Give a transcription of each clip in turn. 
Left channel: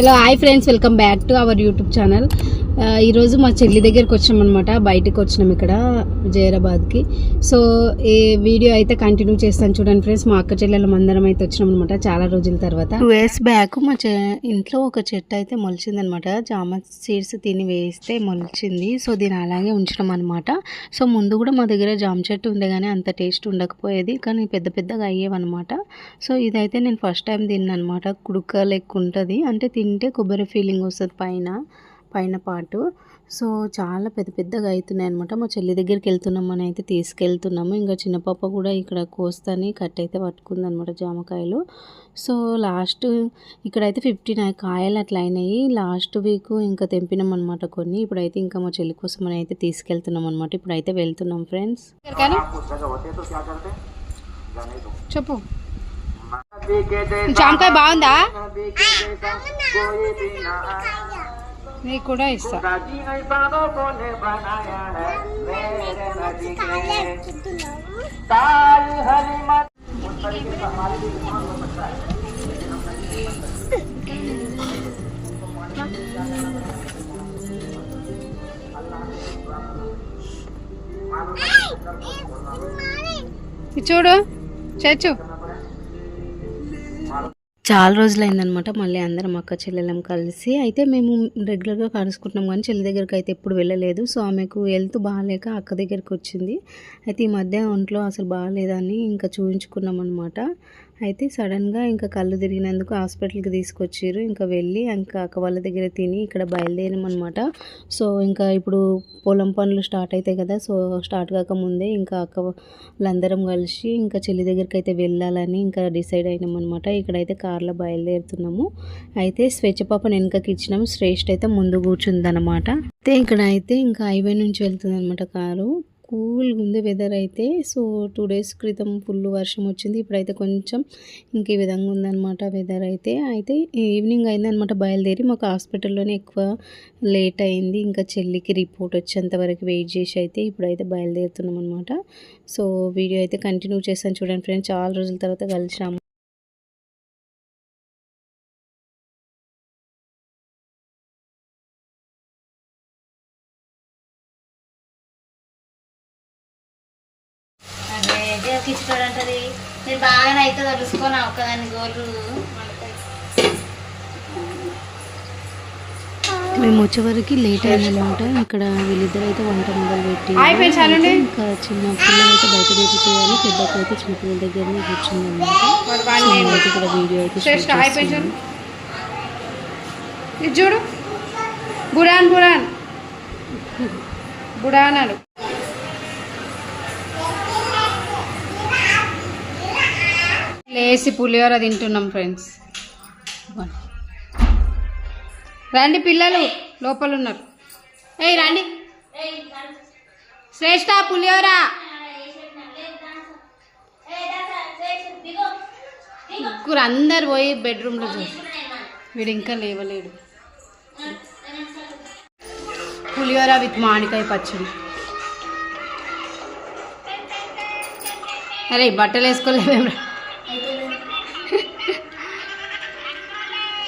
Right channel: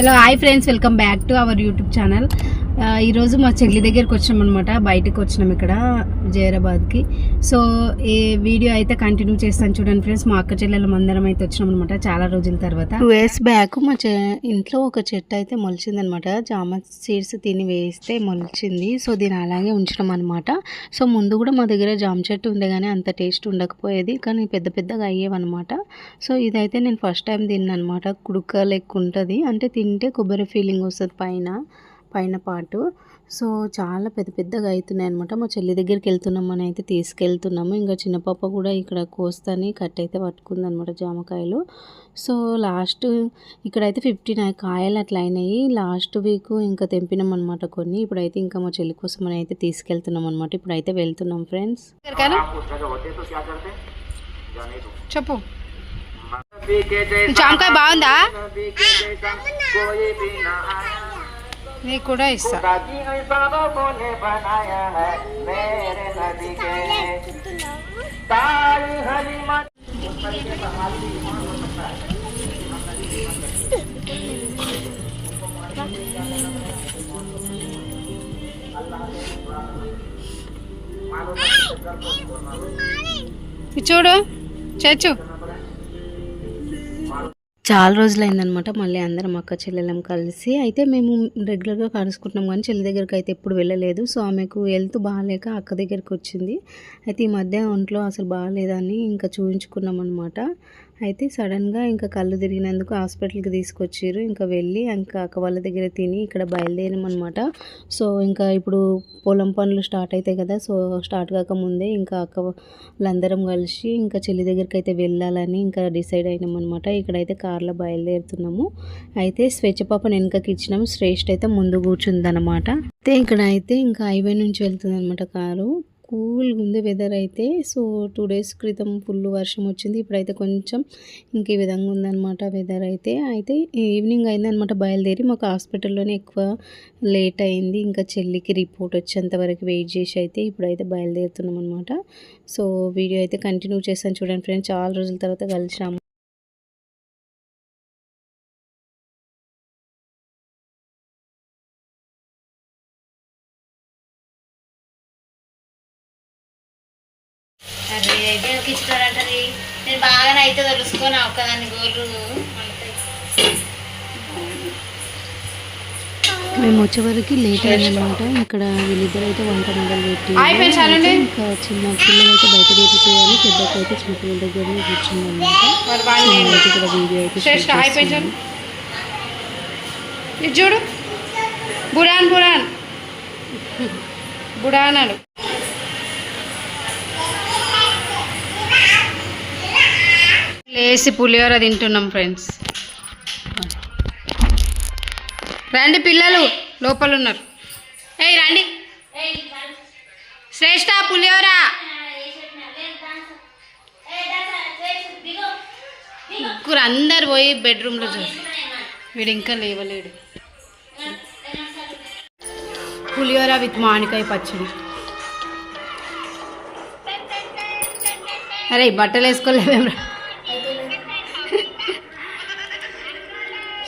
Hello, hi friends, welcome back to our YouTube channel. ఈరోజు మా చెల్లి దగ్గరికి వచ్చామన్నమాట బయటకు వచ్చినాం ఇక్కడ జయరాబాద్కి సో ఈ వీడియో అయితే కంటిన్యూ చేస్తాను చూడండి ఫ్రెండ్స్ మా అక్క చెల్లెలం అందరం అయితే అనమాట చాలా రోజుల తర్వాత టూ ఇయర్స్ బ్యాక్ మా ఇంట్లో ఒక చెట్టు అయితే మొలిచిందనమాట జామ సీడ్స్ తిని వేస్తే మొలిచింది సో దీని అలాగే ఉంచడం అనమాట సో ముందు కూడా మా దగ్గర జామ చెట్టు కానీ అంత టేస్ట్ ఉండకపోయేది కానీ పెద్ద పెద్దగా అయ్యేవన్నమాట సో ఇదైతే నేను ఫస్ట్ టైం తిన్నాను అనమాట కుడుక లెక్క ఉంటుంది అంటే తింటే కొబ్బరి ఫీలింగ్ వస్తుంది పైన పైన పాటు సో చాలా పెద్ద పెద్దగా అవుతున్నాయి అనమాట మా చెల్లి దగ్గరికి వెళ్తున్నాం అని అయితే తీసుకెళ్తున్నాము ఇంకా చిన్న పాప కూడా ఇక్కడ కోస్తాని కట్ అయితే పట్టుకుందనమాట జామకాయలు సో లాస్ట్ ఇక్కడైతే ఫిఫ్టీ నైన్ కాయలు అట్లా అయినాయి లాస్ట్ వీక్ ఇంకా తెంపినాం అనమాట కొన్ని ఇప్పుడైతే ఇంకా మా చెల్లి కోసం అని అయితే తీసుకెళ్తున్నాం అనమాట ఇప్పుడైతే వెళ్తున్నాం ఫ్రెండ్స్ చెప్పు జామకాయ బాగుందా నీకు కూడా ఇస్తా చూడు చచ్చు చాలా అయిందనమాట మళ్ళీ అందరం అక్క చెల్లెలం కలిసి అయితే మేము రెగ్యులర్గా కలుసుకుంటున్నాం కానీ చెల్లి దగ్గరికి అయితే ఎప్పుడు వెళ్ళలేదు సో ఆమెకు హెల్త్ బాగాలేక అక్క దగ్గరికి వచ్చింది అయితే ఈ మధ్య ఒంట్లో అసలు బాగాలేదని ఇంకా చూపించుకున్నాం అనమాట అయితే సడన్గా ఇంకా కళ్ళు తిరిగినందుకు హాస్పిటల్కి తీసుకొచ్చారు ఇంకా వెళ్ళి ఇంకా అక్క వాళ్ళ దగ్గర తిని ఇక్కడ బయలుదేరామన్నమాట సో ఇంకా ఇప్పుడు పొలం పనులు స్టార్ట్ అవుతాయి కదా సో స్టార్ట్ కాకముందే ఇంకా అక్క వాళ్ళందరం కలిసి ఇంకా చెల్లి దగ్గరికి అయితే వెళ్ళాలని ఇంకా డిసైడ్ అయినామన్నమాట ఇక్కడైతే కార్లో బయలుదేరుతున్నాము అయితే స్వేచ్ఛపాపను వెనకకి ఇచ్చినాము శ్రేష్ఠ అయితే ముందు కూర్చుందనమాట అయితే ఇక్కడ అయితే ఇంకా హైవే నుంచి వెళ్తుంది అనమాట కారు కూల్గా ఉంది వెదర్ అయితే సో టూ డేస్ క్రితం ఫుల్ వర్షం వచ్చింది ఇప్పుడైతే కొంచెం ఇంకే విధంగా ఉందనమాట వెదర్ అయితే అయితే ఈవినింగ్ అయిందనమాట బయలుదేరి మాకు హాస్పిటల్లోనే ఎక్కువ లేట్ అయింది ఇంకా చెల్లికి రిపోర్ట్ వచ్చేంత వరకు వెయిట్ చేసి అయితే ఇప్పుడైతే బయలుదేరుతున్నాం అనమాట సో వీడియో అయితే కంటిన్యూ చేస్తాను చూడండి ఫ్రెండ్స్ చాలా రోజుల తర్వాత కలిసాము అదే ఒక ఇస్తారు నేను బాగానే అయితే తెలుసుకొని ఒక్కదాన్ని గోళ్ళు మేము వచ్చేవరకు లేట్ అయిందనమాట ఇక్కడ వీళ్ళిద్దరు అయితే వంట మొదలు పెట్టి ఇంకా చిన్న పిల్లలు అయితే బయట చేయాలి పెద్దకు అయితే చిన్న పిల్లల దగ్గర కూర్చుందనమాట వీడియో అయితే చూడు బురాన్ బురాన్ అడు లేసి పులిహోర తింటున్నాం ఫ్రెండ్స్ రండి పిల్లలు లోపల ఉన్నారు ఏయ్ రండి శ్రేష్ట పులిహోర ముగ్గురు అందరు పోయి బెడ్రూమ్లో చూసి వీడు ఇంకా లేవలేడు పులిహోర విత్ మామిడికాయ పచ్చడి అరే బట్టలు వేసుకోలేదు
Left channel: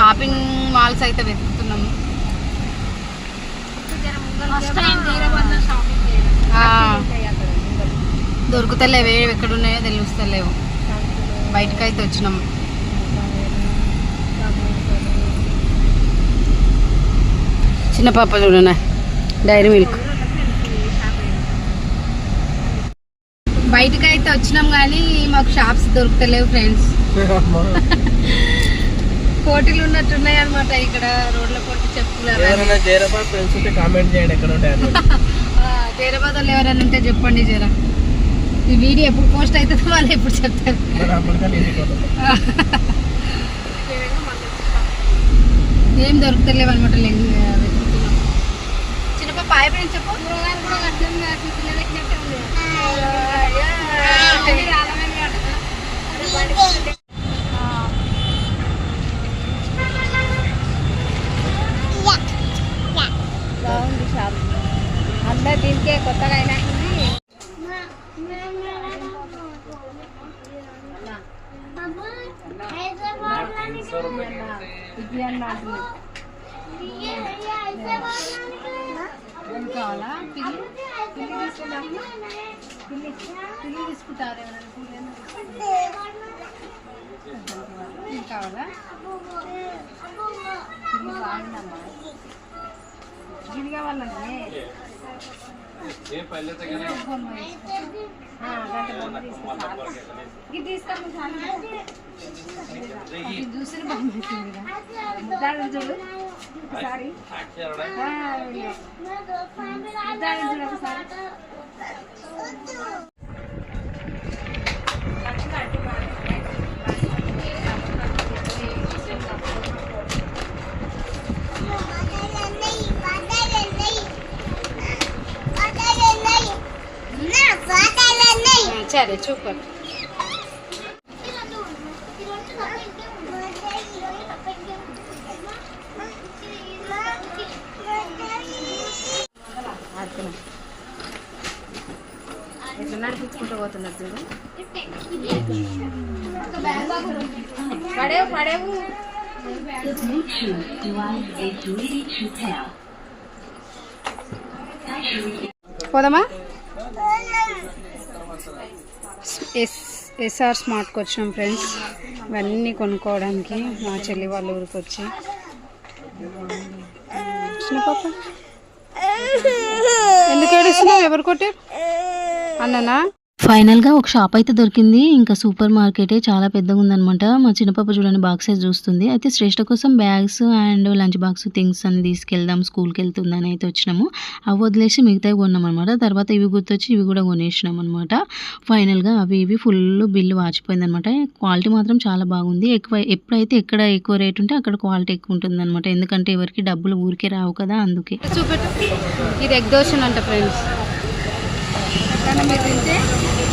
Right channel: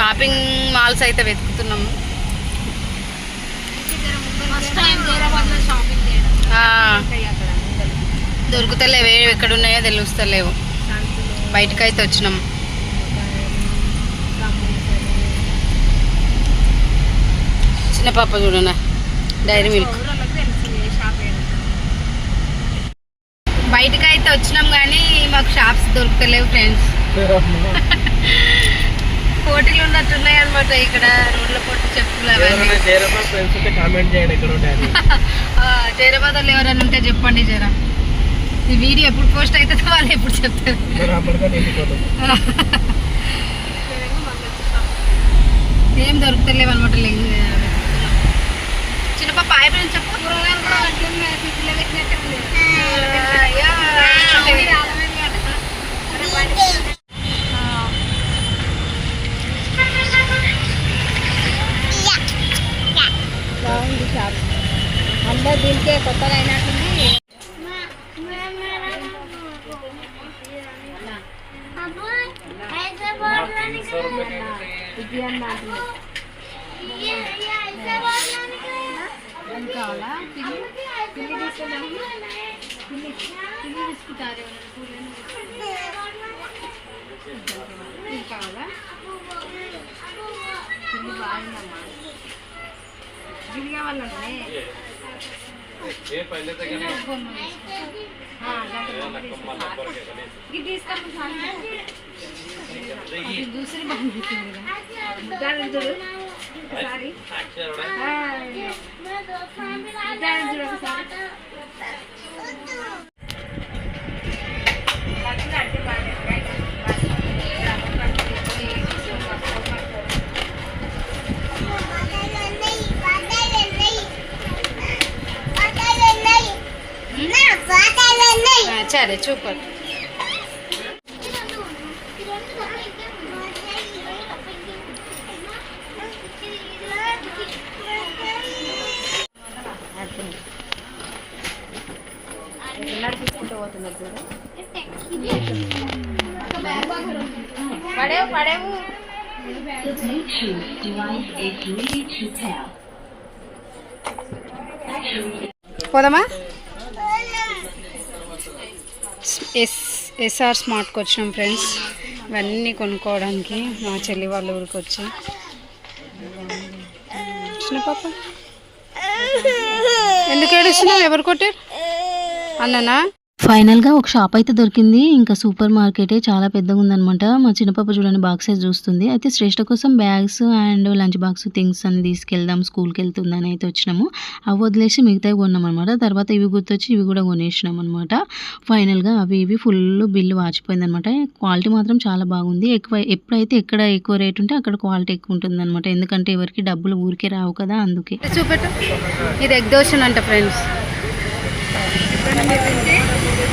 షాపింగ్ మాల్స్ అయితే వెతుకుతున్నాము దొరుకుతలేవు ఎక్కడున్నాయో తెలుస్తలేవు అయితే వచ్చినాము చిన్న పాప చూడనా డైరీ మిల్క్ అయితే వచ్చినాం కానీ మాకు షాప్స్ దొరుకుతలేవు ఫ్రెండ్స్ పోటీలు ఉన్నట్టున్నాయి అనమాట ఇక్కడ రోడ్ల పోటీ చెప్పులు ఎవరైనా జైరాబాద్ వాళ్ళు ఎవరైనా ఉంటే చెప్పండి జరా ఈ వీడియో ఎప్పుడు పోస్ట్ అవుతుందో వాళ్ళు ఎప్పుడు చెప్తారు ఏం దొరుకుతలేవు అనమాట చిన్న పాప ఆయన చెప్పు కూరగాయలు కూడా అంటే దీనికే కొత్తదైనా కావాలా పిల్లి పిల్లి తీసుకుంటాము పిల్లి తీసుకుంటారు ఎవరైనా కావాలా పిల్లి బాగుందమ్మా దీని కావాలన్నా ये पहले तक नहीं हां गिट्टी इसका मुझे दूसरी बार नहीं मेरा जरूर सारी अच्छा, हां दाल जरूर सारी తెచ్చారు చూపండి పడేవు పడేవు The Bluetooth device is ready to pair. Podama? S S R స్మార్ట్కి వచ్చినాం ఫ్రెండ్స్ ఇవన్నీ కొనుక్కోవడానికి మా చెల్లి వాళ్ళ ఊరికి వచ్చి చిన్న పాప ఎందుకు ఏడుస్తున్నావు ఎవరు కొట్టారు అన్ననా ఫైనల్గా ఒక షాప్ అయితే దొరికింది ఇంకా సూపర్ మార్కెటే చాలా పెద్దగా ఉందనమాట మా చిన్నపాప చూడండి బాక్స్ అయితే చూస్తుంది అయితే శ్రేష్ఠ కోసం bags and lunch box things అని తీసుకెళ్దాం స్కూల్కి వెళ్తుందని అయితే వచ్చినాము అవి వదిలేసి మిగతావి కొన్నామన్నమాట తర్వాత ఇవి గుర్తొచ్చి ఇవి కూడా కొనేసినాం అనమాట ఫైనల్గా అవి ఇవి ఫుల్ బిల్లు వాచిపోయింది అనమాట క్వాలిటీ మాత్రం చాలా బాగుంది ఎక్కువ ఎప్పుడైతే ఎక్కడ ఎక్కువ రేట్ ఉంటే అక్కడ క్వాలిటీ ఎక్కువ ఉంటుందన్నమాట ఎందుకంటే ఎవరికి డబ్బులు ఊరికే రావు కదా అందుకే చూపెట్టు ఇది ఎగ్ అంట ఫ్రెండ్స్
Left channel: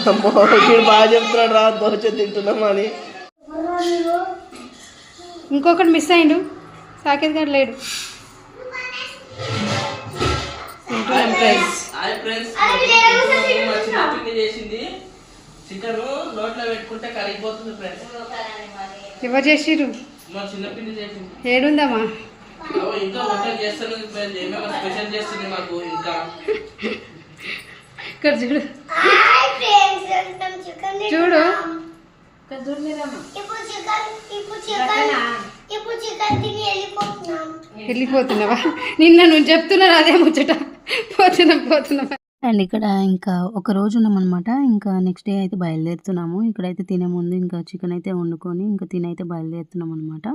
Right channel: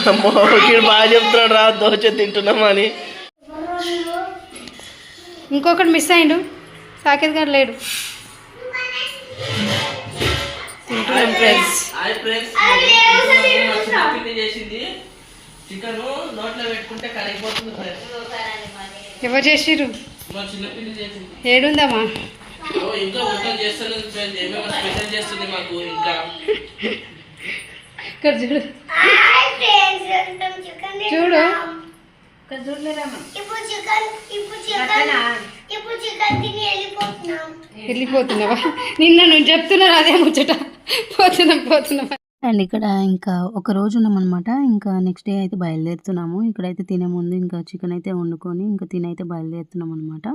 బాగా చెప్తున్నాడు రా దోచ దోశ అని ఇంకొకటి మిస్ అయ్యిండు సాకేత్ గారు లేడు ఎవరు చేసిరు ఏడుందమ్మా ఇక్కడ చూడు చూడు వెళ్ళిపోతున్నావా నిన్న నువ్వు చెప్తున్నారు అదే ముచ్చట పోతున్నా పోతున్నావా అండ్ ఇక్కడ ఇంకా ఒక రోజు ఉన్నామన్నమాట ఇంకా నెక్స్ట్ డే అయితే బయలుదేరుతున్నాము ఇక్కడైతే తినే ముందు ఇంకా చికెన్ అయితే వండుకొని ఇంకా తినైతే బయలుదేరుతున్నాం అనమాట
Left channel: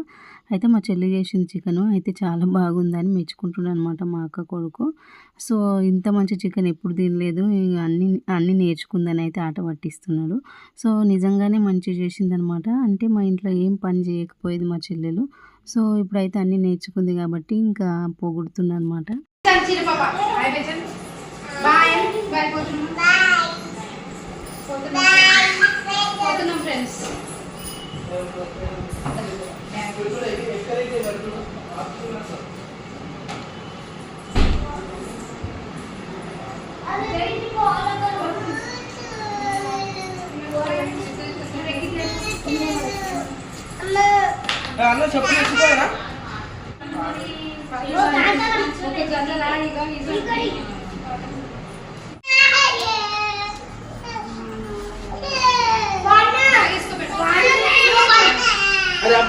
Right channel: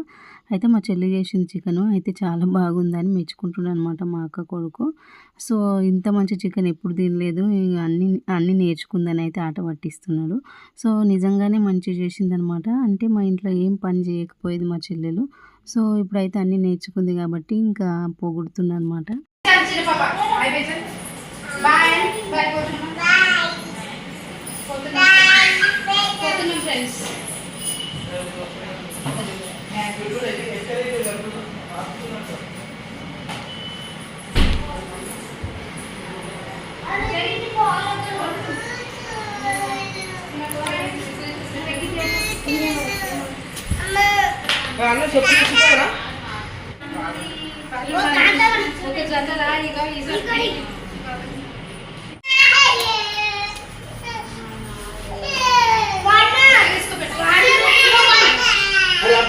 అయితే మా చెల్లి చేసిన చికెన్ అయితే చాలా బాగుందని మెచ్చుకుంటున్నాను అనమాట మా అక్క కొడుకు సో ఇంత మంచి చికెన్ ఎప్పుడు తినలేదు అన్ని అన్ని నేర్చుకుందని అయితే ఆట పట్టిస్తున్నాడు సో నిజంగానే మంచి చేసిందనమాట అంటే మా ఇంట్లో ఏం పని చేయకపోయేది మా చెల్లెలు సో ఇప్పుడైతే అన్నీ నేర్చుకుంది కాబట్టి ఇంకా అనమాట పోతున్నాం ఫ్రెండ్స్ అన్న చెప్పు తీసుకోరా ఒక జత రాయిగా ఈసారి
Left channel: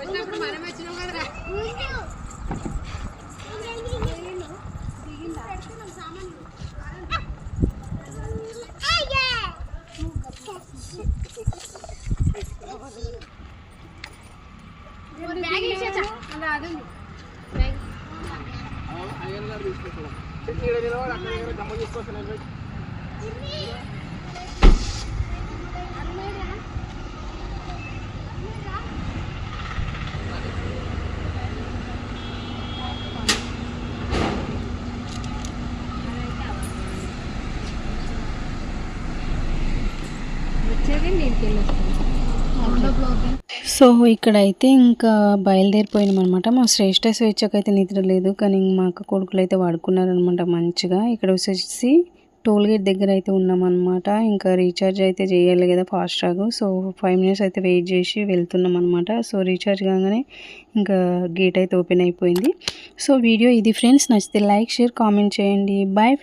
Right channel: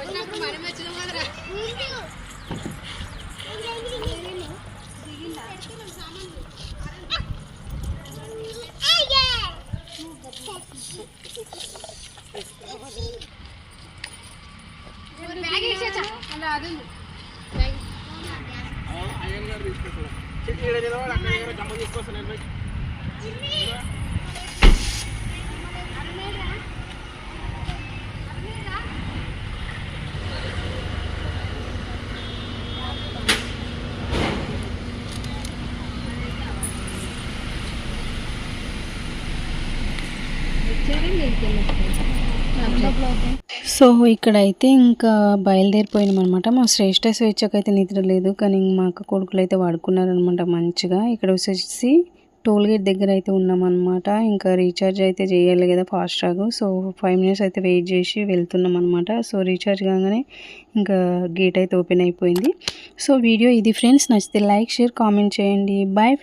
అయ్యగారు తీసుకొస్తాడు ఇక్కడ నిలబడి అక్కడ జమ తీసుకొస్తాను సో ఇక్కడైతే ఇంకా బయలుదేరిపోయినామన్నమాట మా శ్రేష్ట స్వేచ్ఛకు అయితే నిద్ర లేదు కానీ మా అక్క కొడుకులు అయితే వాడుకున్నారనమాట మంచిగా ఇక్కడ వచ్చేసి టోల్ గేట్ దగ్గర అయితే ఉన్నామన్నమాట ఇంకా రీఛార్జ్ అయితే చేయాలి కదా FASTag so five minutes అయితే వెయిట్ చేసి వెళ్తున్నాం అనమాట సో రీఛార్జ్ కాగానే ఇంకా గేట్ అయితే ఓపెన్ అయిపోయింది సో వీడియో ఇది ఫ్రెండ్స్ నచ్చితే లైక్ షేర్ కామెంట్ చేయండి బాయ్ ఫ్రెండ్స్